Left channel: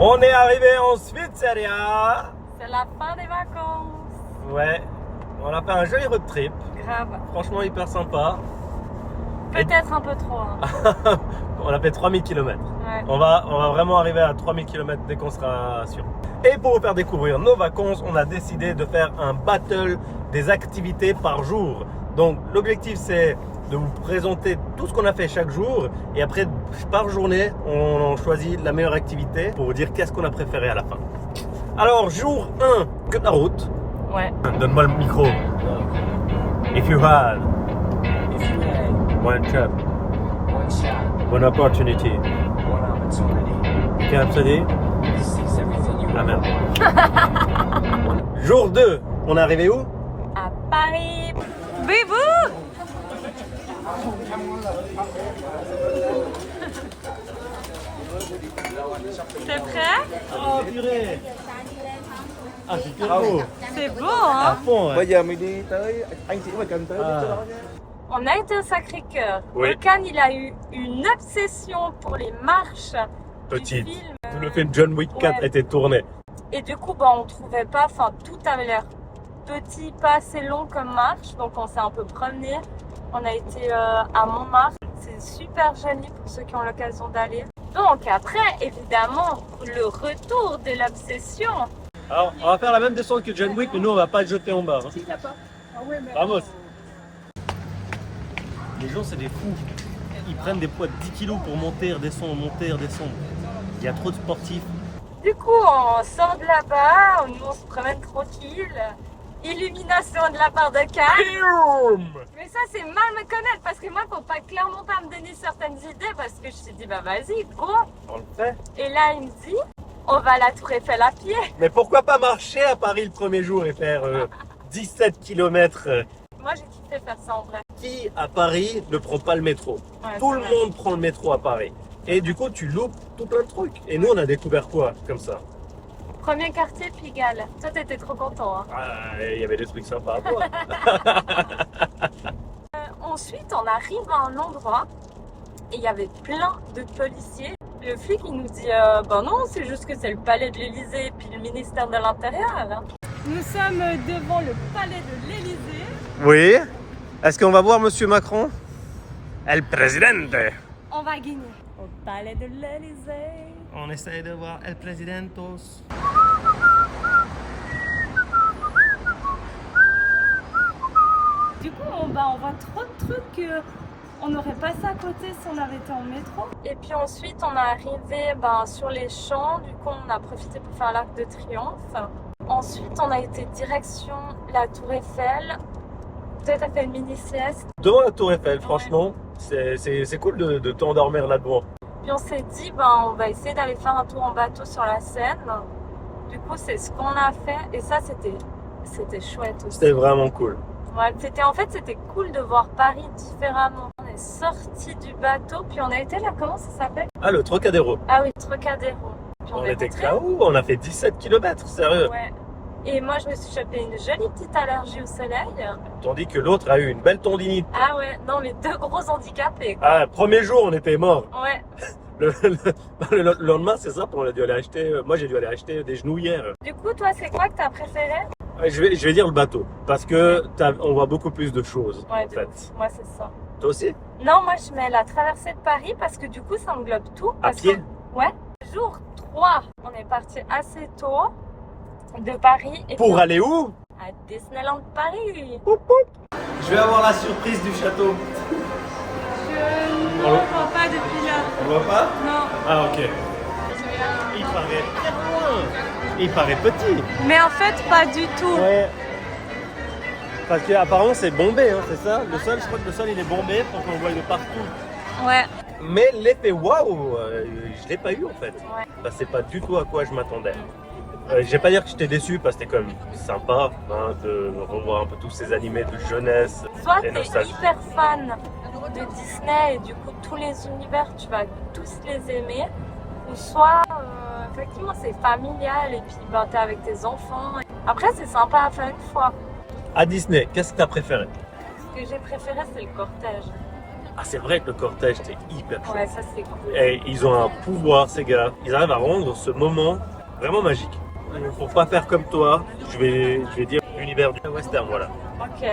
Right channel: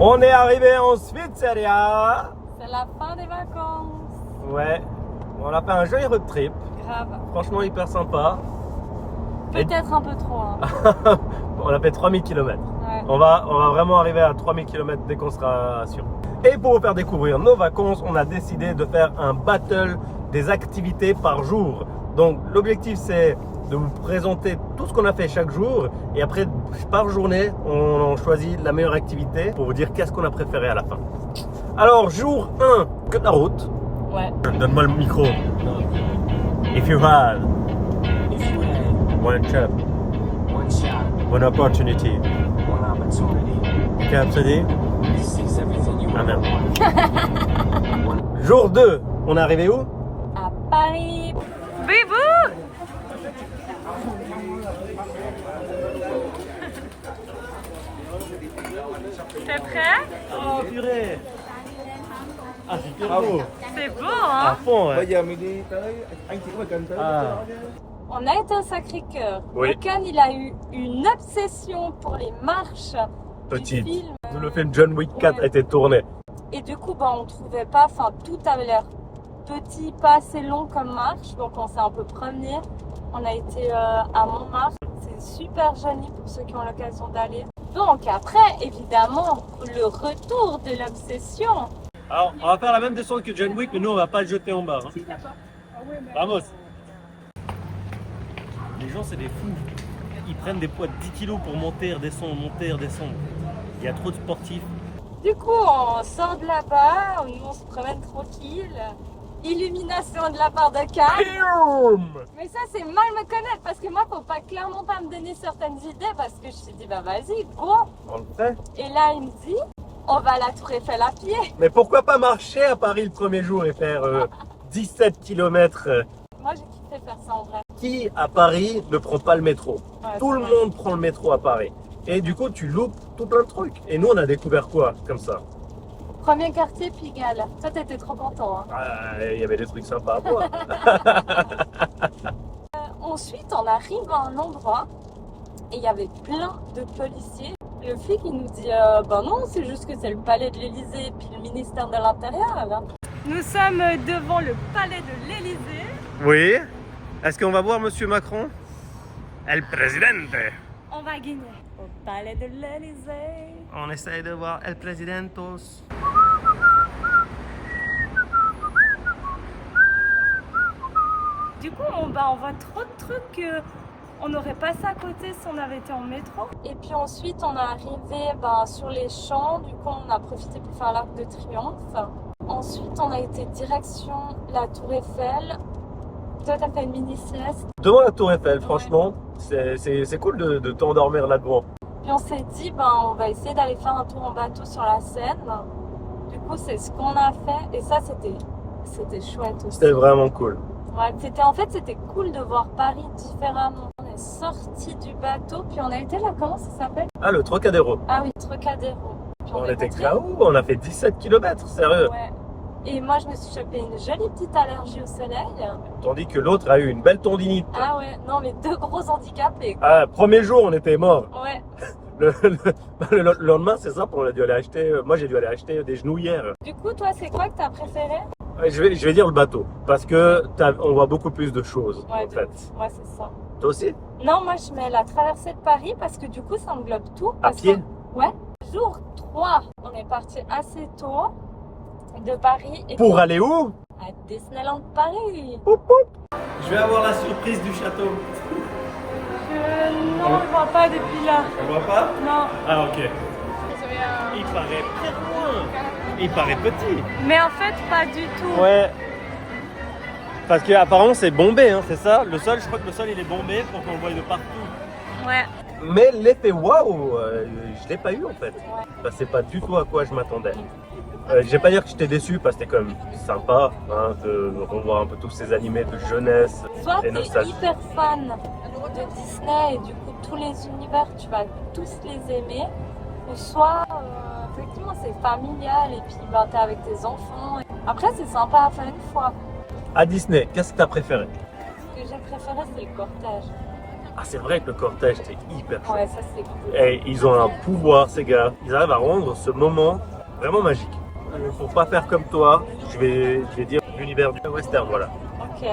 On est arrivé en Svizzera. C'est la fin des vacances. Ouais, on a fait un joli road trip. Grave. Franchement, hyper sympa. Peut-être un peu trop. Hein. On a fait 3000 km. Ouais. On va vraiment arriver à 3000 km dès qu'on sera sûr. Et pour vous faire découvrir nos vacances, on a décidé de faire un battle des activités par jour. Donc l'objectif c'est de vous présenter tout ce qu'on a fait chaque jour et après par journée on choisit la meilleure activité pour vous dire qu'est-ce qu'on a préféré à la fin. Alors jour 1, que de la route. Ouais. Donne-moi le micro. If you had one shot, one opportunity, you can say ah merde. Jour 2, on est arrivé où? À Paris. Bébou! T'es prêt? Oh purée! Ah c'est super beau! C'est beau, À hein? fond, Bây ouais. giờ mình đi tới anh chị mà cần tới Ah. chỗ đó nhé. On a été au Sacré-Cœur. Oui. Locan, il a eu une obsession pour les marches du Petite. film. Le film John Wick 4 Ouais. a été tourné. Et du coup, on trouvait pas, enfin, tout avait l'air petit, pas assez long comme marche. Donc, on s'est un peu promené. On a été à Montmartre. C'est super joli pour ceux qui ont l'occasion d'aller. Donc, après, évidemment, le retour de l'obsession. Alors, on va faire la même descente que John Wick, mais nous on va pas le jeter en bas. Hein. Vamos! Les gens, c'est des fous. Ils prennent des poids de 10 kilos pour monter, redescendre, monter, redescendre. Il y a trop de sportifs. Du coup, on sort de là-bas, nous on se promène tranquille. Illumination de la part de Cannes. Mais ça, c'est mal me connaître parce que moi, faut pas clairement pas me donner certaines idées parce que je me suis dit, bah vas-y, go. On le fait. Et là, il me dit, on va à la Tour Eiffel à pied. Mais pourquoi pas marcher à Paris le premier jour et faire 17 km? Moi, j'ai kiffé faire ça en vrai. Qui à Paris ne prend pas le métro? Ouais, Tout c'est le vrai. monde prend le métro à Paris. Et du coup, tu loupes tout plein de trucs. Et nous, on a découvert quoi comme ça? Premier quartier, Pigalle. Toi, t'étais trop content. Hein. Il y avait des trucs sympas à voir. Ensuite, on arrive à un endroit et il y avait plein de policiers. Le flic, il nous dit, ben non, c'est juste que c'est le palais de l'Élysée et puis le ministère de l'Intérieur. Nous sommes devant le palais de l'Élysée. Oui. Est-ce qu'on va voir Monsieur Macron? El Presidente. On va gagner au palais de l'Élysée. On essaye de voir El Presidentos. Du coup, on voit trop de trucs qu'on aurait passé à côté si on avait été en métro. Et puis ensuite, on est arrivé sur les champs. Du coup, on a profité pour faire l'Arc de Triomphe. Ensuite, on a été direction la Tour Eiffel. Peut-être à fait une mini-sieste. Devant la Tour Eiffel, franchement, c'est cool de t'endormir là-devant. Puis on s'est dit, on va essayer d'aller faire un tour en bateau sur la Seine. Du coup, c'est ce qu'on a fait. Et ça, c'était chouette aussi. C'était vraiment cool. Ouais, c'était cool de voir Paris différemment. On est sorti du bateau, puis on a été là, comment ça s'appelle? Ah, le Trocadéro. Ah oui, Trocadéro. Puis On est était rentré. KO, on a fait 17 km, sérieux. Ouais. Et moi, je me suis chopé une jolie petite allergie au soleil. Tandis que l'autre a eu une belle tendinite. Ah ouais, non, mais deux gros handicapés. Quoi. Ah, premier jour, on était mort. Ouais. Le lendemain, c'est simple, on a dû aller acheter. Moi, j'ai dû aller acheter des genouillères. Du coup, toi, c'est quoi que t'as préféré? Ouais, je vais dire le bateau, parce que on voit beaucoup plus de choses, Ouais, en de fait. ouf. Moi, c'est ça. Toi aussi? Non, moi, je mets la traversée de Paris parce que du coup, ça englobe tout. À Parce pied? Ouais. Jour 3, on est parti assez tôt de Paris. Et Pour puis, aller où? à Disneyland Paris. Je vais avoir la surprise du château. Non, on voit pas depuis là. On voit pas? Non. Ah, ok. Il paraît très loin. Il paraît petit. Mais en fait, pas du tout. Ouais. Parce qu'apparemment, c'est bombé, hein, c'est ça? Le sol, je crois que le sol, il est bombé pour qu'on le voie de partout. Ouais. Mais l'effet waouh, je l'ai pas eu en fait. Ouais. Bah, c'est pas du tout à quoi je m'attendais. Je vais pas dire que j'étais déçu parce que c'était comme sympa hein, de revoir un peu tous ces animés de jeunesse. Soit et t'es nostalgie. hyper fan de Disney et du coup tous les univers tu vas tous les aimer, ou soit effectivement c'est familial et puis t'es avec tes enfants. Après c'est sympa à faire une fois. À Disney, qu'est-ce que t'as préféré? Ce que j'ai préféré c'est le cortège. Ah, c'est vrai que le cortège, c'est hyper chouette. Ouais, ça c'est cool. Et ils ont un pouvoir, ces gars. Ils arrivent à rendre ce moment vraiment magique. Pour pas faire comme toi, je vais dire l'univers du western, voilà. Ok.